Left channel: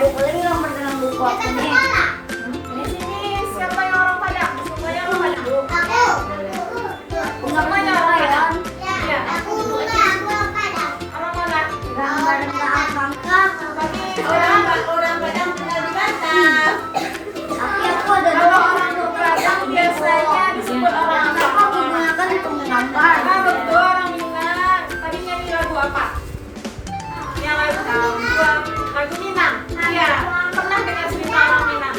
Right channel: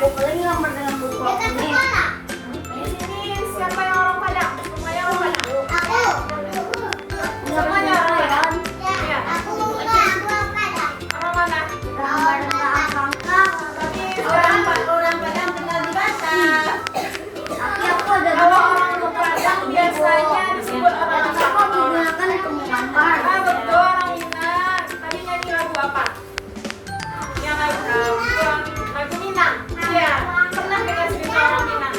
buku lagi yang dalam buku aku nih. Di sini siapa yang orang Padang? Semuanya orang Padang. Semuanya orang Padang. Iya. Orang mana? Gambar enggak angka. Bagi Orang Padang tinggal di Batam. Aku ada kalau orang Padang biasanya disebut orang Aku apa? menggunakan penggambar. Ah betul orang Minang. Tadi nyanyi lagu apa? Yang lagu Minang. Iya. Pernah dengar cerita orang Minang?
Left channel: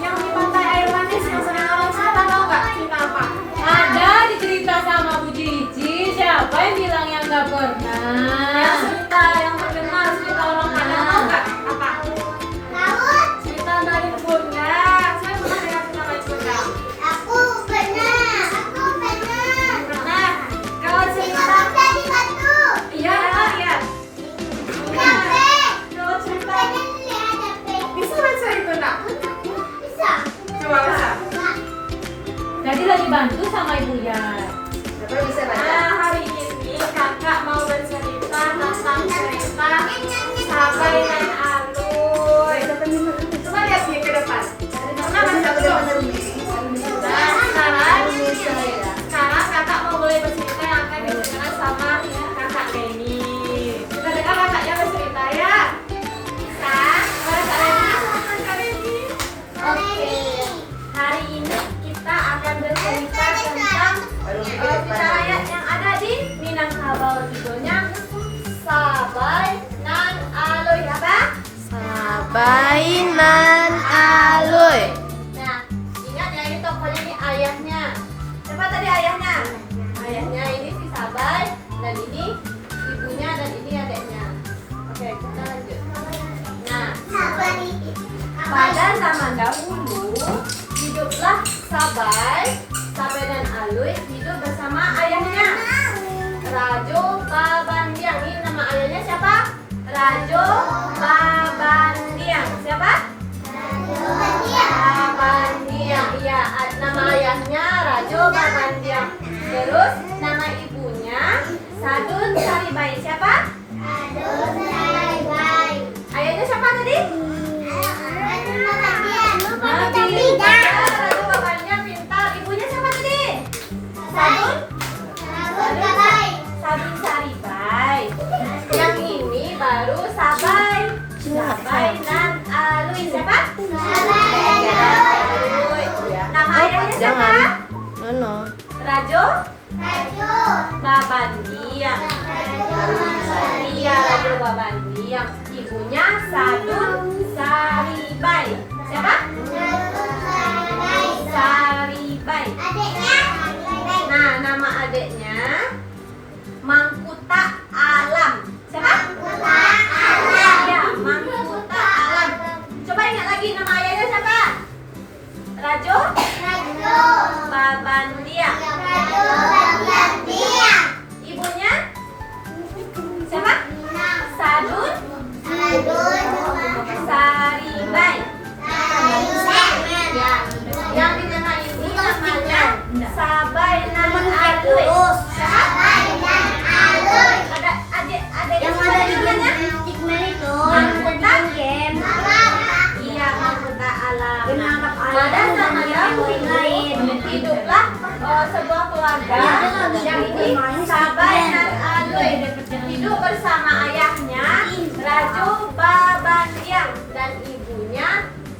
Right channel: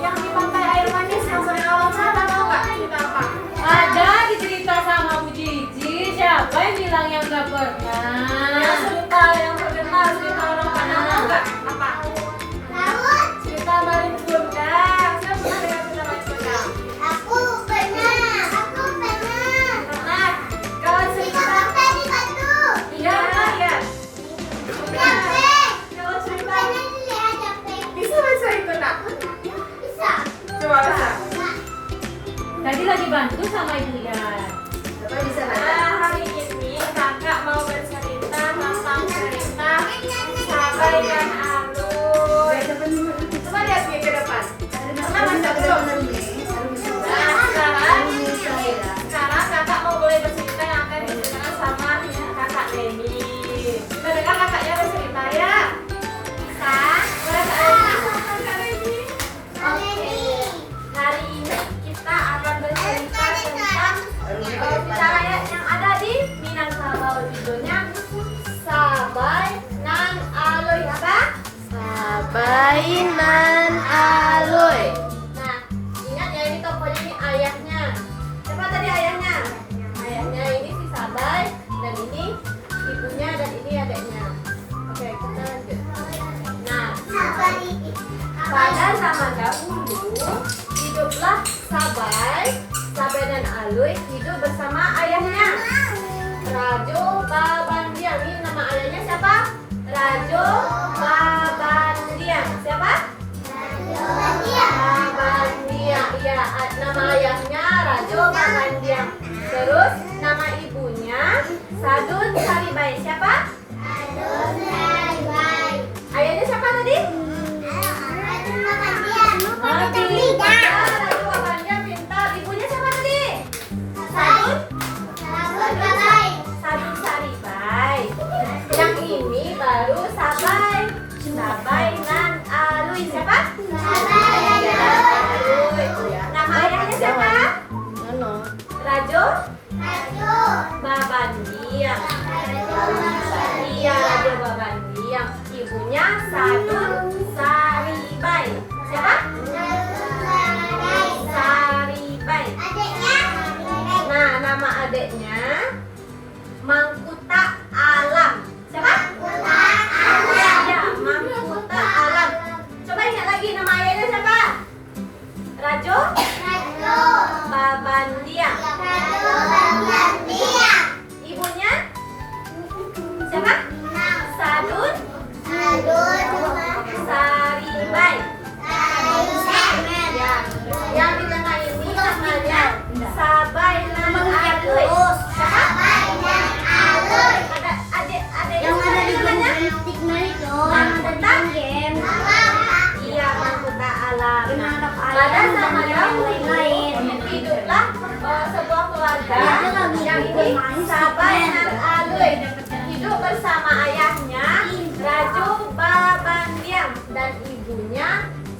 Yang di pantai air manis yang sering orang cerita tahu nggak cerita apa? Ada dicerita sama Bu Cici. Siapa yang bilang yang nggak Yang pernah? cerita yang terkenal cerita orang Padang tahu nggak? Apa? Cerita Baring Bunda. Saya pernah dengar cerita Baring Bunda. Pernah. Kalau cerita iya ya. Kalau cerita bisa baca itu nak? Coba baca. Tadi lagi bantu sama ibunya. Nah, hari ini kakak mau bercerita tentang cerita Sabai dan Alun. Coba lihat dia ke depan. Pernah baca belum? Nah, sekarang kakak mau mulai bercerita yang akan diceritakan sama kakak Neni. Kita dengar kakaknya bercerita ya. Bisa? Boleh Kak Neni? Kak Neni. Oke. Hari ini kita akan bercerita tentang cerita rakyat yang ada di Minangkabau. Judulnya Sabai nan Aloy. Apa? Bainan aloy. Nah, ingat ya ini tokohnya ini ayahnya. Siapa tadi ayahnya? Ayahnya ini si Sabai dan ini ibunya dan ini adiknya. Oke, kita lanjut. Nah, pada zaman dahulu hiduplah Sabai dan Alui hidup bersama ayahnya. Rajo Babandiang. Ini nama ayahnya siapa? Rajo Babandiang. Siapa? Babandiang. Iya, nama ayahnya Rajo Babandiang. Terus nama ibunya Sadun Saribai. Siapa? Ayahnya siapa tadi? Rajo Babandiang pintar. Ibunya siapa tadi? Sadun Saribai. Yang ini baru Sabai dan Alui. Siapa? Nama ayahnya siapa? Rajo Babandiang. Iya, Rajo Babandiang. Ibunya Sadun Saribai. Siapa? Saribai. Nah, nama adiknya Mangkuta Alam. Siapa? Ya, Mangkuta Alam. Coba ingat lagi nama ayahnya siapa? Rajo Babandiang. Ibunya siapa? Sadun Saribai. Ya, yang di tengah ini namanya Sabai nan Alui. Siapa? Ada adik Yang siapa ada di namanya? Cikmen itu. Mangkuta. Game. Iya, Mangkuta Alam. Menangkap Pada ayam zaman dan dahulu lain. hiduplah sebuah keluarga Ya, dia lagi yang bermain ini Sabai Cikmen. dan Alui hidup bersama ayahnya Rajo Babandiang dan ibunya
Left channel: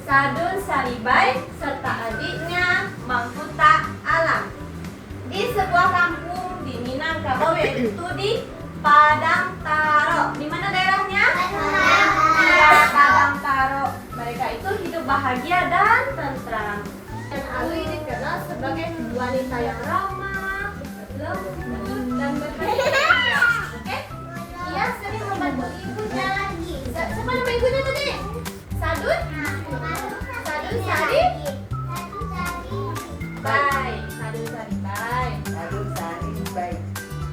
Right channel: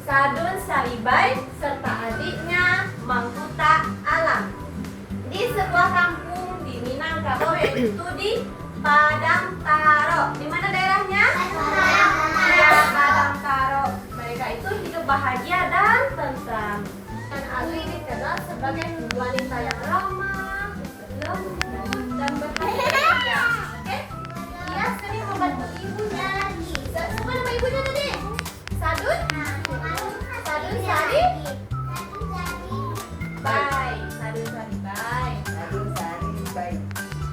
Sadun Saribai serta adiknya Mangkuta Alam di sebuah kampung di Minangkabau yaitu di Padang Taro. Di mana daerahnya? Ya, Padang Taro. Mereka itu hidup bahagia dan tentram. Dan Alui dikenal sebagai wanita yang ramah, lembut, dan berhati. Oke? Ia sering membantu ibunya. Siapa nama ibunya tadi? Sadun? Sadun Sari? Baik. Sadun Sari baik.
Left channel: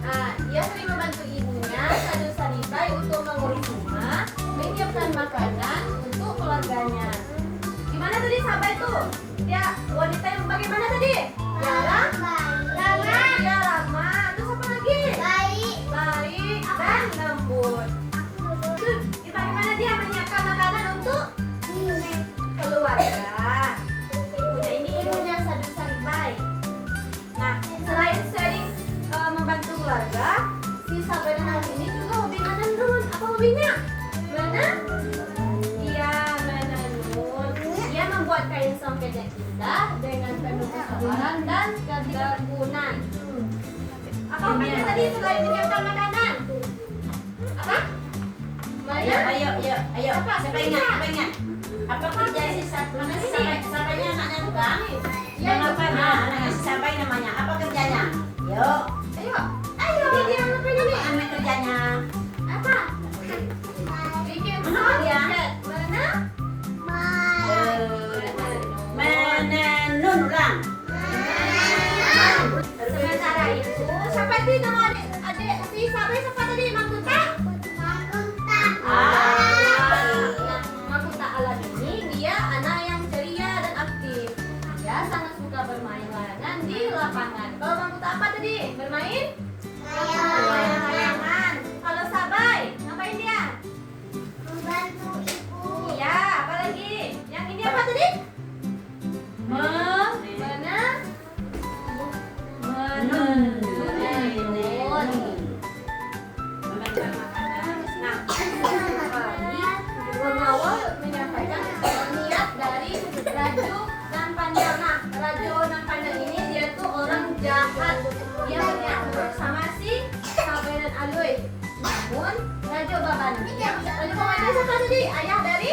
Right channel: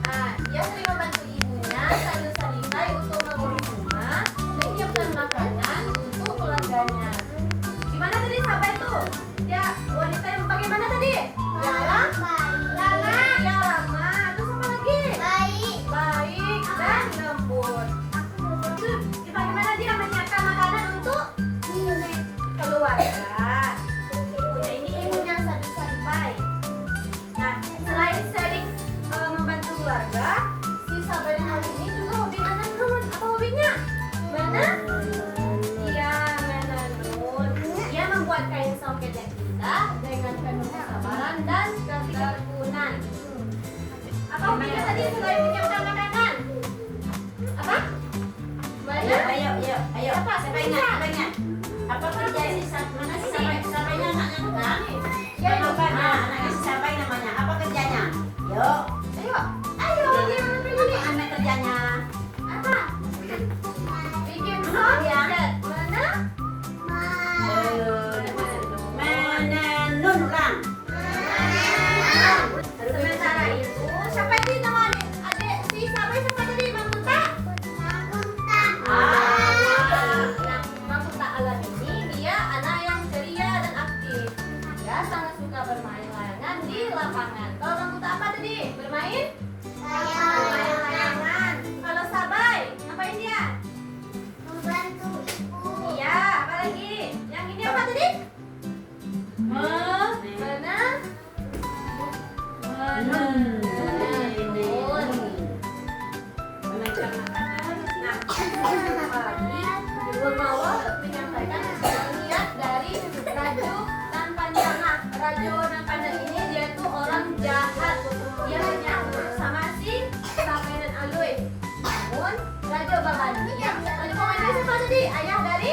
Nah, ia sering membantu ibunya, Sadun Sari baik, untuk mengurus rumah, menyiapkan makanan untuk keluarganya. Gimana tadi sahabat itu? Dia wanita yang bagaimana tadi? Yang hobinya? Mana? Iya, menenun. Dia membuat kain songket yang indah dengan penuh kesabaran dan ketekuna. Apa hobinya tadi selain menyiapkan makanan? Apa? Mana? Ayo. Apa? Siapa ingat? Apa kerja si mana si Sapanya anaknya tukang? Ya, Yang apa? Anaknya si Sapai namanya. Apa kerjanya? Yuk. Ayo, dia apa ini? Apa kerjanya? Apa? Bikin songket. Mana? Menenun orang. Sementara itu, siapa itu nama adik si Sabai siapa tadi? Mangkuta? Nah, Mangkuta Alam ini dia anak yang ceria dan aktif. Dia sangat suka bermain layangan di lapangan. Kalau Mangkuta apa tadi? Bermain? Layangan. Kalau Sabai, ngapain dia? Iya, apa lagi? Yang ini apa tadi? Mana? Pengawal menyampaikan niat dari Raju dan Panjang. Nah, Raju dan Panjang ini dia tuh orang jahat. Dia berniat buruk sama si Sabai dan Alui. Namun Raju Babandia, Raju Babandia siapa tadi? Ayah dari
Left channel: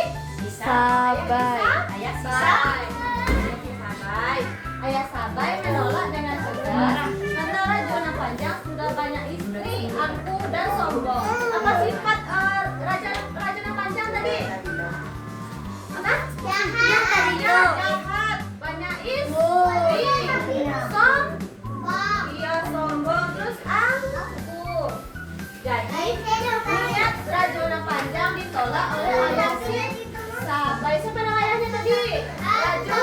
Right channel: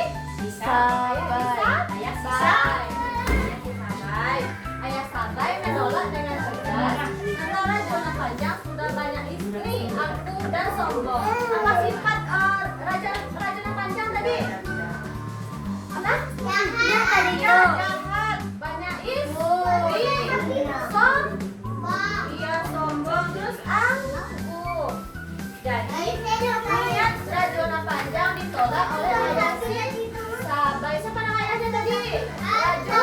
Ayah Sabai menolak dengan tegas karena Raju dan Panjang sudah banyak istri, angkuh dan sombong. Apa sifat Raja dan Panjang tadi? Apa? Jahat, banyak istri, sombong, terus angkuh. Jadi niat Raju dan Panjang ditolak oleh ayah si Sabai. Siapa nama ayahnya tadi? Raju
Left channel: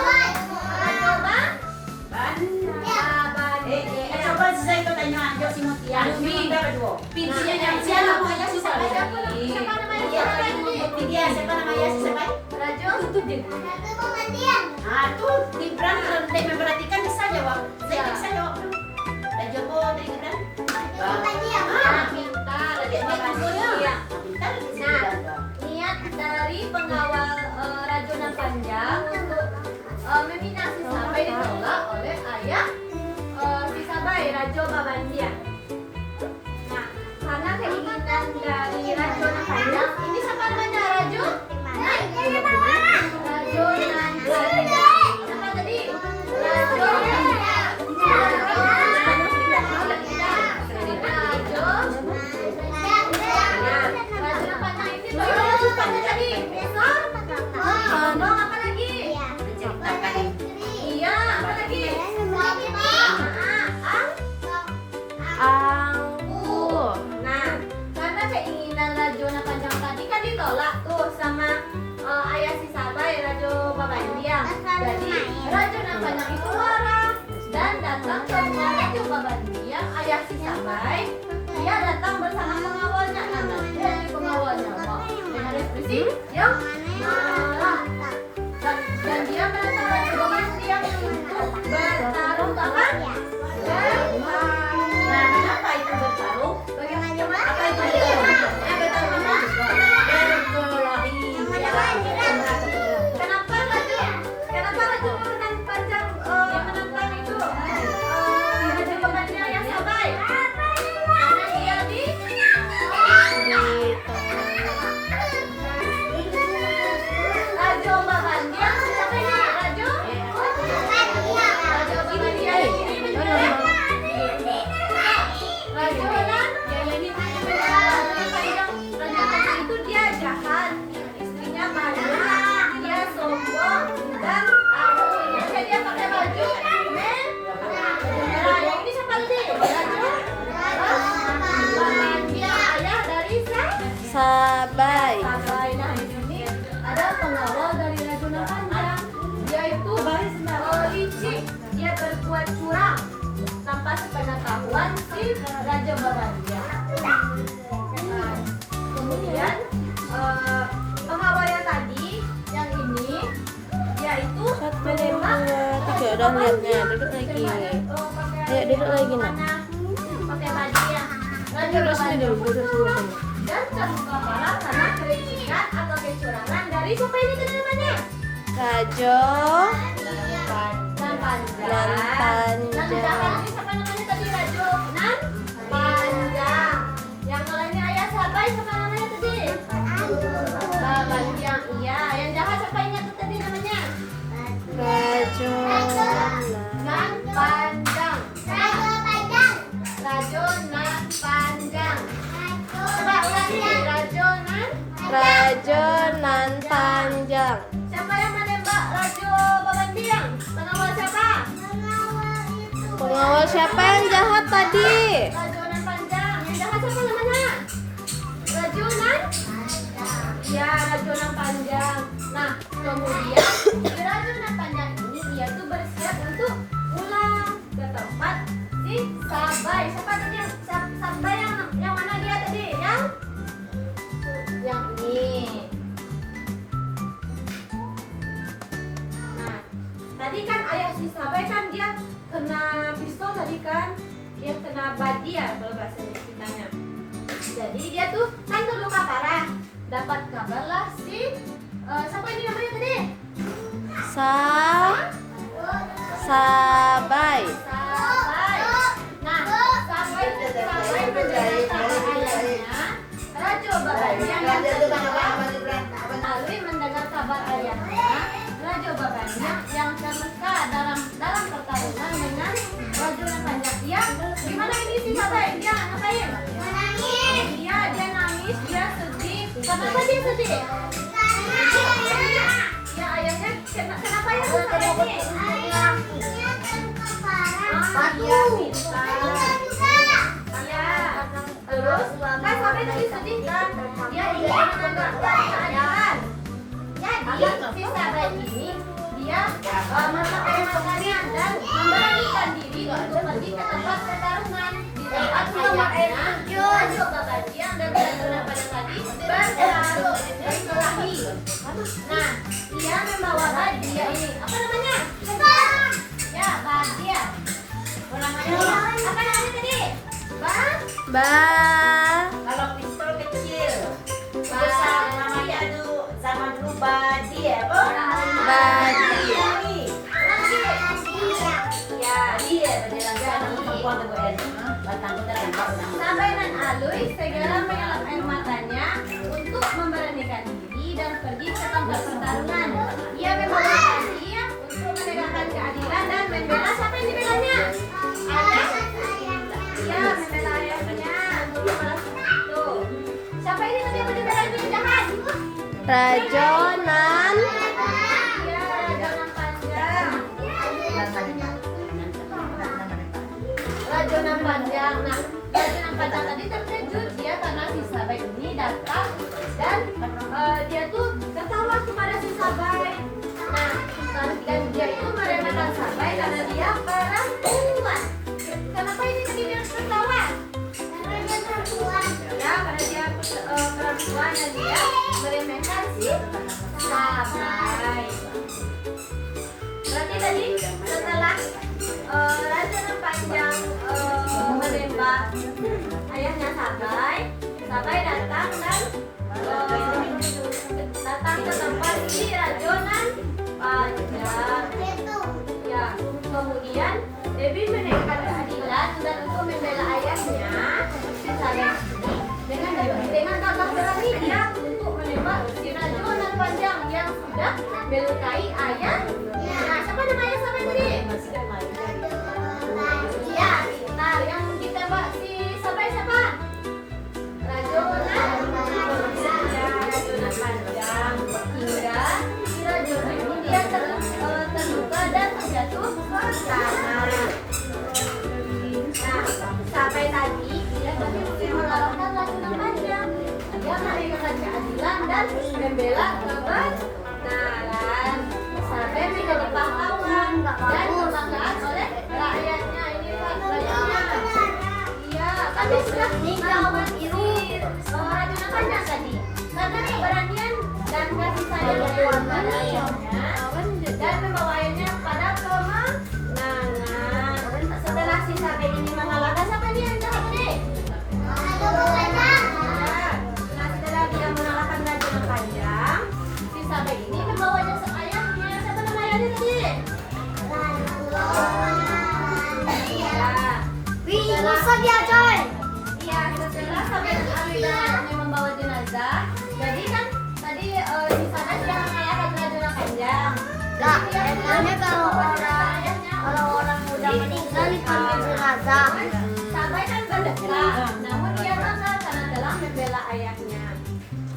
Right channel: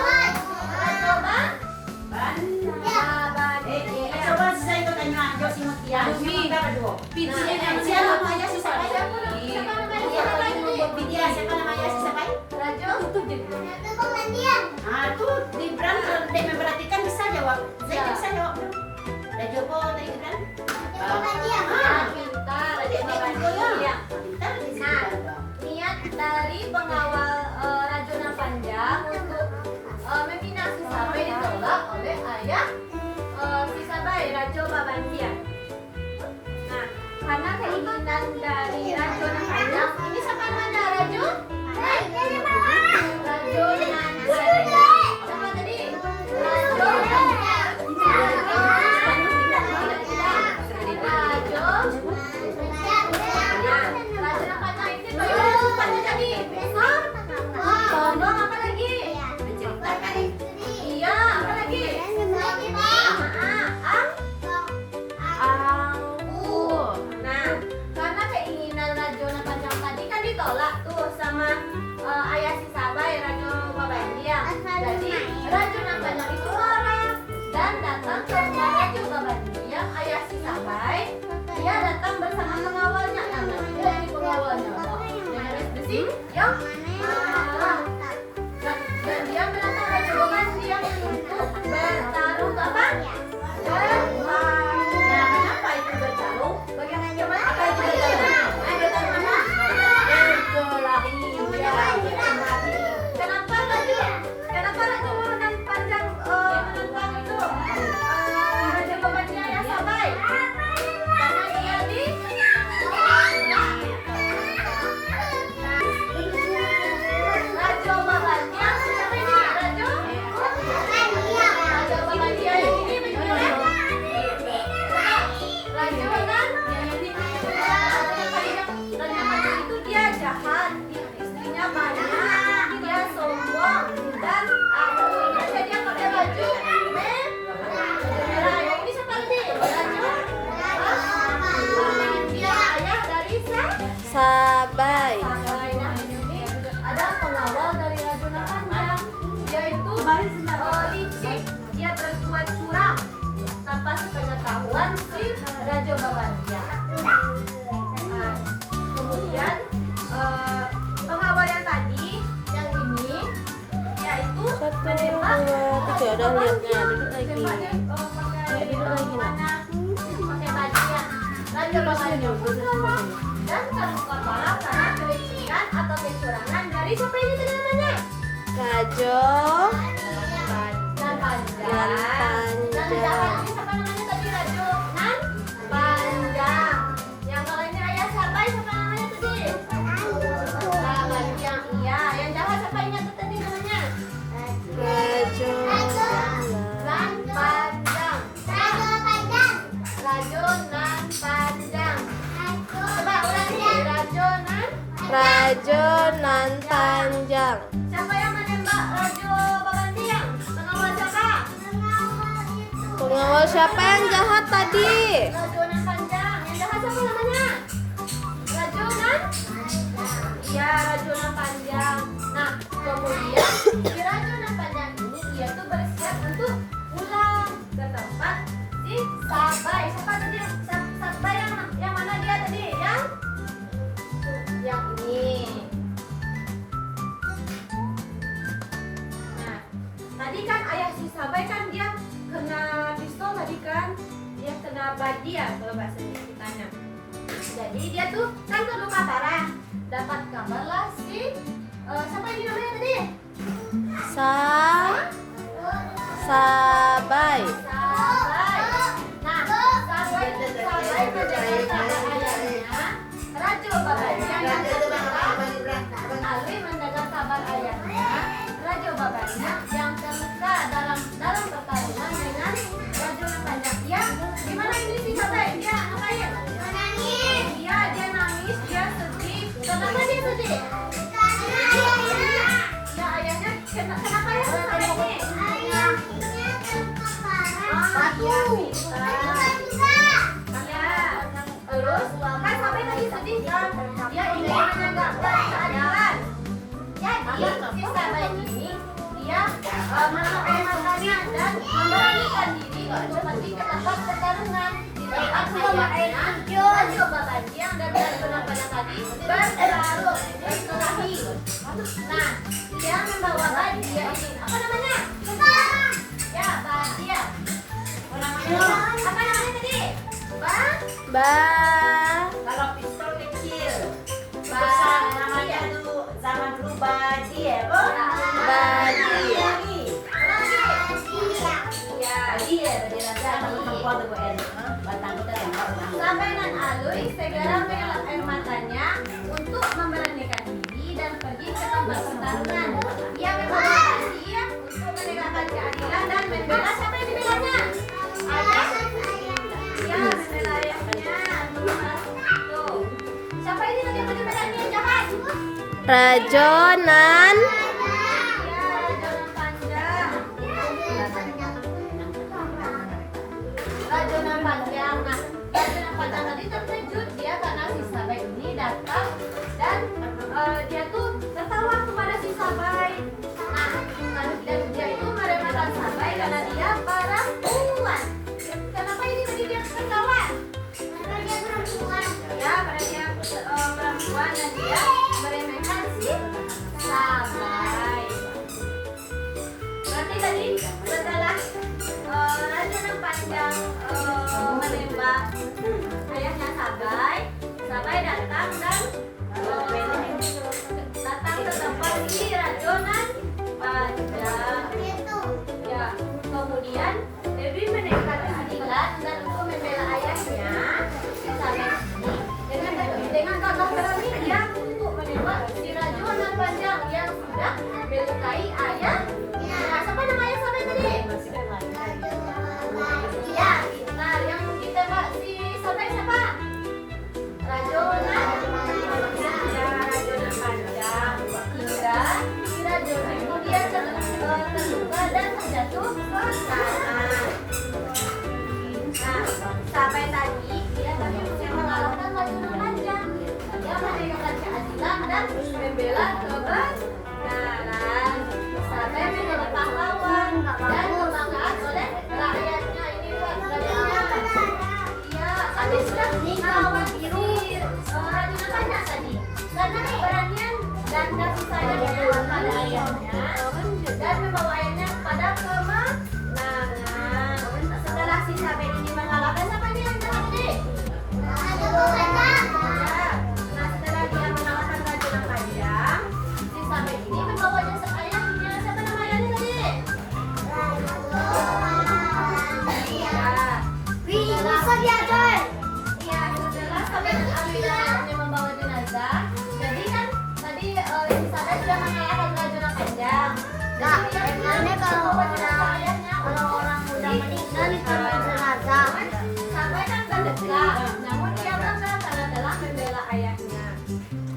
Coba saya ikut tanya Anjo si Mutia. Siapa dua? Siapa namanya si Sabai? Siapa namanya si Sabai tadi? Mutia. Siapa namanya si Sabai? Raju. Tuh di Bran dia memperhatikan bisa jawab. Saya bisa jawab. Joko dari Bran. Pintar, Raju. Pintar. Niat dari pengawal Raju dan Panjang untuk meminang si Sabai ditolak oleh ayah si Sabai, Raju Babandia. Nah, karena keinginan dari Raju dan Panjang, ini siapa namanya Raju? Raju dan siapa tadi? Raju Raju dan Panjang itu Panjang tadi. Sombong apa lagi? Iya, apa lagi? Angkuh. Nah, karena keinginan Raju dan Panjang tadi kan ditolak tuh sama ayah si Sabai, Raju Babandiang. Jadi Raju dan Panjang itu marah dan datang ke rumah Raju Babandiang, ayah si Sabai. Dia datang bersama pengawalnya, namanya jadi pengawalnya. Dengan ekspresi yang marah. Dan dia menantang Raju Babandiang untuk bertarung apa? Nah, kenapa itu bertarung? Bagaimana? Apa itu bertarung? Bertarung mana? Berkelahi. Kenapa Raju dan Panjang menentang itu Raju Babandiang yang Sabai? Karena dia di Raju Babandiang. Siapa ini? Raju Babandiang ini benar. Raju Panjang itu dia jahat, istrinya banyak, dia sombong dan ingatnya dia pakai baju merah. Yang ini siapa tadi? Raju Babandiang, ayah dari Sabai. Sabai. Nah, di sini ada pengawal dari Raju dan Panjang, yaitu licik. Dia berbuat curang tanpa sepengetahuan si Raju Babandiang. Nah, kemudian pengawal yang tadi, yang ini, yaitu 1, 2, 3 udah lihatnya. Duduk lagi. Ayo duduk lagi nak. pakai bajunya Raju Babandiang dan terluka parah Tadi siapa ini tadi namanya? Rajo Nan panjang. Nan Nan panjang. jahat ini siapa namanya tadi? Rajo Nan panjang. Yang kalau ini ayah siapa? Siapa namanya tadi? Ba panjang. Iya. Yang jahat siapa ingat tuh tadi namanya? Rajo Nan panjang. Rajo Nan panjang. Coba ulangi. Rajo Nan panjang. Siapa yang menembak Rajo Bagantiang? Pengawal siapa? Pengawal siapa yang jahat tadi? Rajo Nan panjang. Yang jahat siapa namanya? Rajo Nan? Iya, Rajo Nan panjang. Nah, kemudian si Rajo Nan panjang ini dia tuh bersiap untuk pulang ke tempat si Sabai. Siapa tadi? Sabai yang mana dia tadi? Yang ini. Nah, tadi kan ayah si Sabai kan dia kena pistol tadi kan, dia kena badi ya kalau bahasa kitanya. Jadi dia tuh kan terluka parah. Dapat kabar lah si siapa ini namanya tadi? Sabai. Sabai. Nah, Sabai menjaga kabar ayahnya. Rajo Babantiang yang terluka. Alwi mendengar kabar ayahnya. Rajo Babantiang yang terluka dalam pertarungan dengan Rajo Nan panjang. Ya, gimana ini si Sabai? Dia ngapain? Dia nangis, dia sedih. Kenapa dia sedih? Ya ayahnya kenapa ya Sabai ini? Iya. Terus kan Sabai tadi sedih kan? Dia ingin menegakkan keadilan. Jadi si Sabai ini dia menemukannya dan memberanikan diri untuk pergi ke tempat pertarungan. Di tempat ayahnya Rajo Babantiang dan Rajo Nan panjang tadi berkelahi. Nah, dia membawa badia ini. Apa namanya? Ya, badia. Apa namanya tadi? Kalau pistol kecil, besar namanya tuh zaman dulu badi ya, Bu? Badi. Sabai dan Alwi segera mengelap air matanya untuk memberanikan diri dan pergi ke tempat pertarungan. Ia membawa badia untuk menegakkan keadilan dan membela siapa yang dibelanya? Ayah. Iya, membela ayahnya. Tuh. Siapa ini tadi yang dibelanya yang jahat? Rajo Nan Iya, Rajo Nan panjang. Rajo Nan panjang. Nah, Rajo Nan panjang tadi terkejut dia karena si Sabai ini datang dan dia tuh tertawa kepada si Sabai. Nah, dan dia itu meremehkan Sabai karena dia perempuan. Kenapa ini tadi dia tertawa? Ya, karena dia perempuan dan dia meremehkan si Sabai. Berarti tadi setelah Rajo Nan panjang menembak ayahnya Sabai, Sabai datang dan datang ke tempat si Rajo Nan panjang. Ya, kemudian Dewi menekan keadilan dan untuk membela ayahnya si Sabai dengan gagah berani dia untuk menembak si Rajo Nan panjang yang sudah melukai ayah. Nah, siapa nama ayah Sabai tadi? Iya. Nah, yang ditembak si Sabai siapa? Rajo Nan. Ya, Rajo Nan panjang. Hingga si Rajo ini dia terluka dan terjatuh ke tanah. Nah, Sabai tadi dia berhasil mengalahkan Rajo Nan panjang. Dia menegakkan keadilan dan membela kebenaran. Sabai menjadi pahlawan dan kebanggaan oleh rakyatnya. Ini rakyatnya. Iya, tapi sudah melawan ini Rajo Nan panjang tadi. Karena keberanian dan kasih sayangnya pada ayahnya dan membawa ayahnya pada kemenangan. Setelah si Sabai ini mengalahkan siapa ini yang tadi? Nah, setelah dia mengalahkan Rajo Nan panjang, si Sabai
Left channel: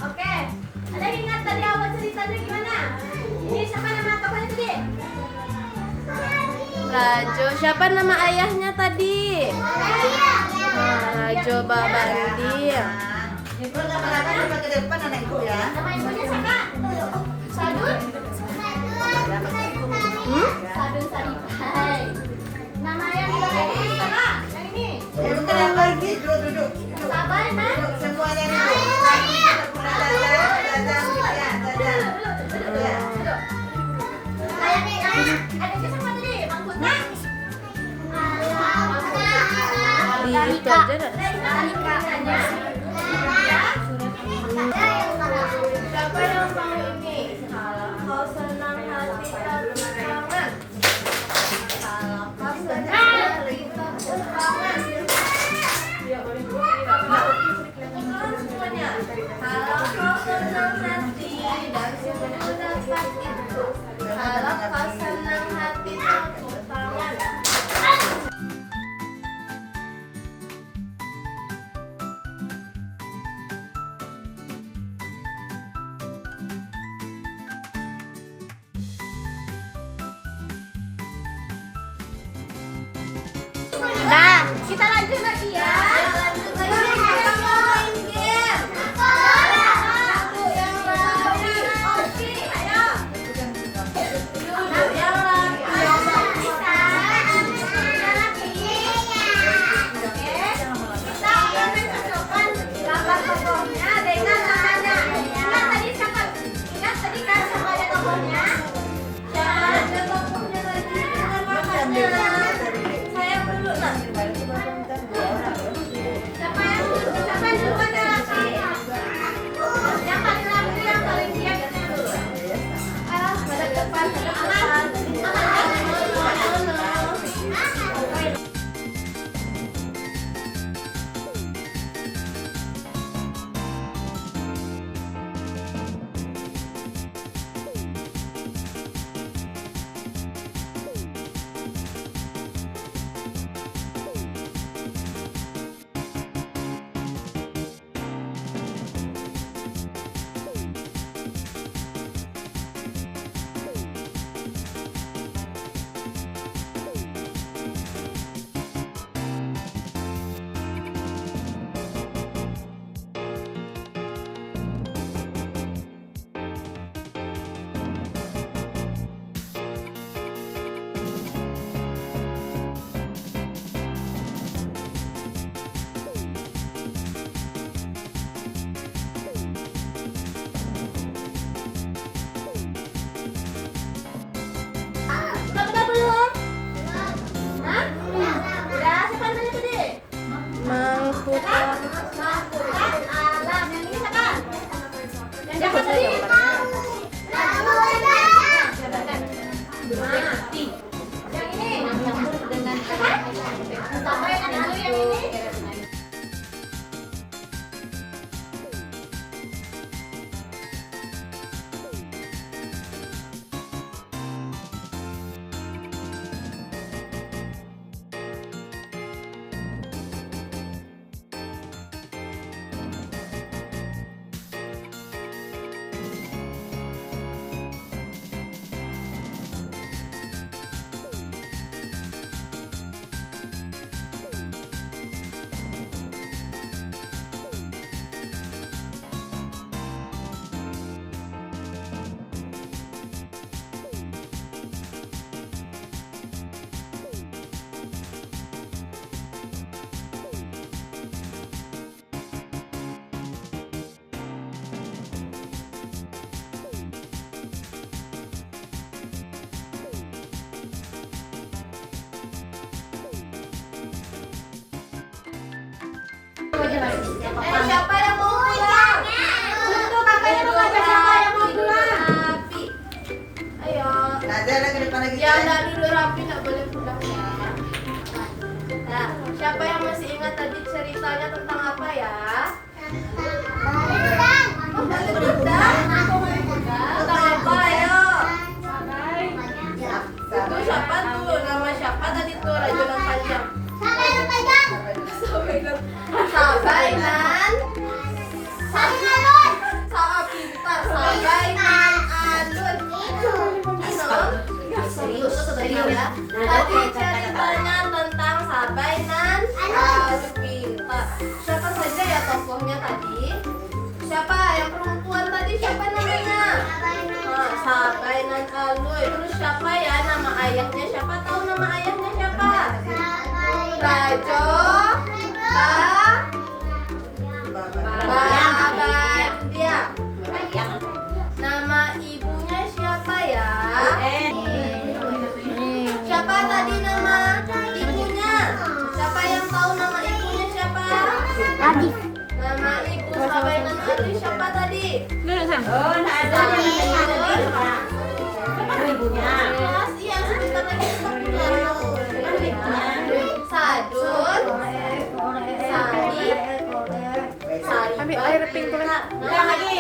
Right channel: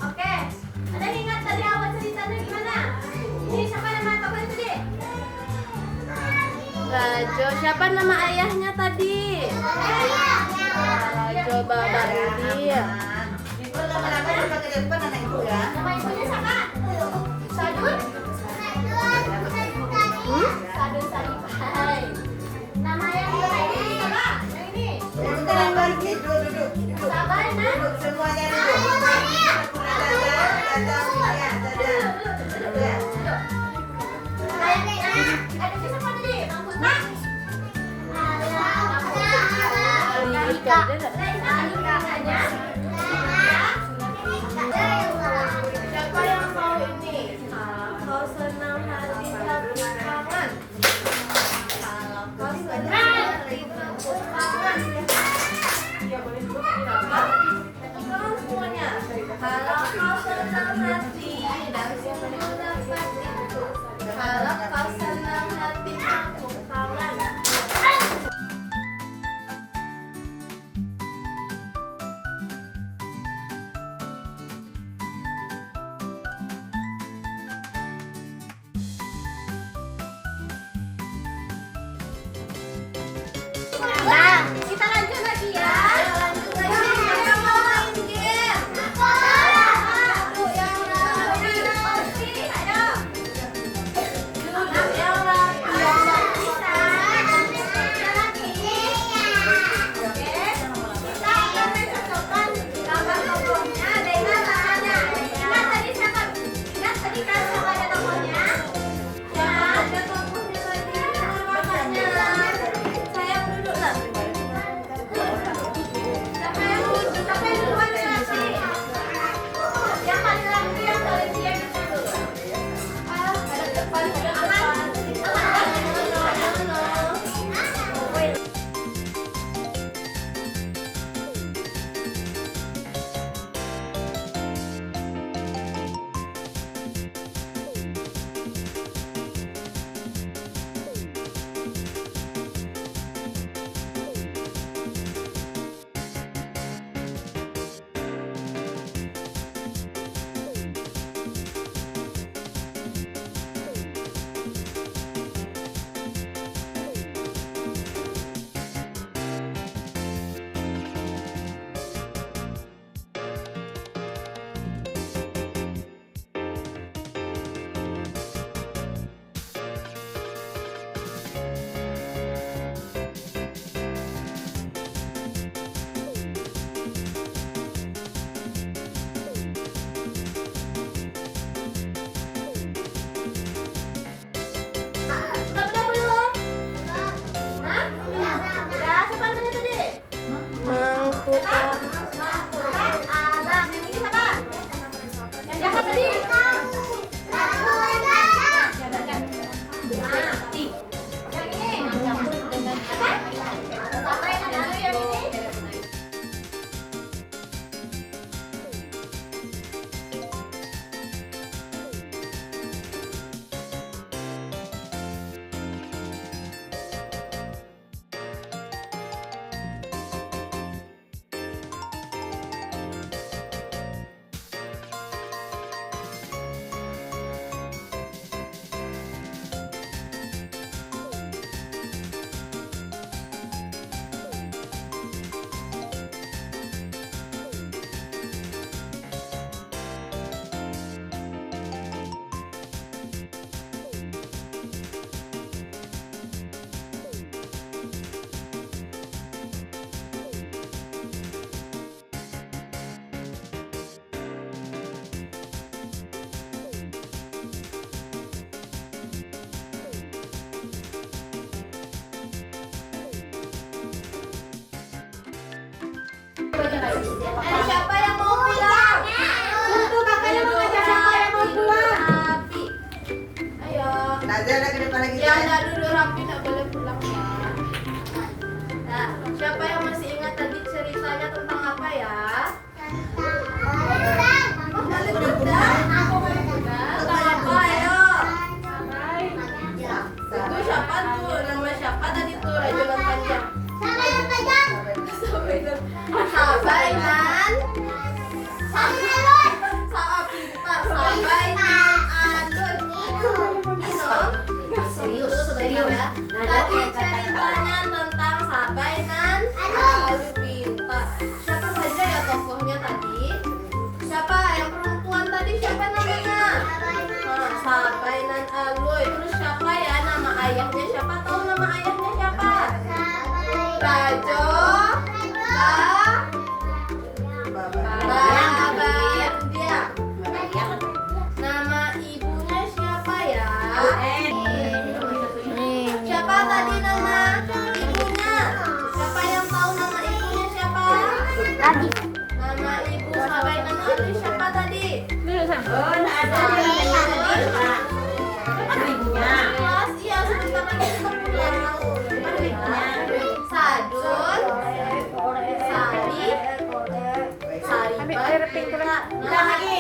Oke, ada yang ingat tadi awal ceritanya gimana? Ini siapa nama tokohnya tadi? Rajo. Siapa nama ayahnya tadi? Rajo Babandir. Kalau gambarannya coba ke depan anak ibu ya. Nama ibunya siapa? Sadun? Sadun Saribai. Nama yang di bawah ini siapa? Yang ini? Duduk ke depan, duduk. Sabar, Nan. Duduk semuanya duduk. Adiknya siapa tadi? Bang Putra? Di aja dah. Adiknya? Siapa yang mau ini? Kalau kau senang hati tepuk tangan. Kalau kau senang hati tepuk tangan. Sekarang semuanya. Kalau kau senang hati dan semua dapat itu. Kalau kau senang hati tepuk tangan. Nah, kita lanjut lagi ya. Lanjut lagi. Kita mau main game. Satu yang lari. Oke, ayo. Duduk yang lari. Bisa. Kita lagi. Oke. Kita akan mencocokkan gambar tokohnya dengan namanya. Ingat tadi siapa? Ingat tadi kan siapa ada tokohnya? Ya, ada tokohnya tadi. Makanya. Saya dulu lah. Siapa yang duluan yang laki? Yang paling laki yang paling diam itu dulu. Hadap depan, hadap depan. Udah belum? Hah? Udah, siapa namanya tadi? Mang Putra. Alam. Yang ini siapa? Yang siapa tadi? Yang ini? Siapa? Sampai dulu yang ini. ya. Tadi ceritanya tentang Sabai nan Alubita. Siapa saja ya tokohnya tadi? Siapa yang perempuan tadi? Siapa namanya? Sabai nan Alui. Terus siapa ya nama ayahnya? Siapa tahu nama ayahnya siapa? Rajo Babandia. Nama ibunya siapa ya? Siapa tadi nama ibunya? Siapa yang tahu nama ibunya siapa? Adi. Nama ibu Sabai nan Alui siapa tadi? Oh, ada ibunya. Jelas, iya sebentar lagi kita pulang. Sadun, Sari, Saribai. Ulang lagi.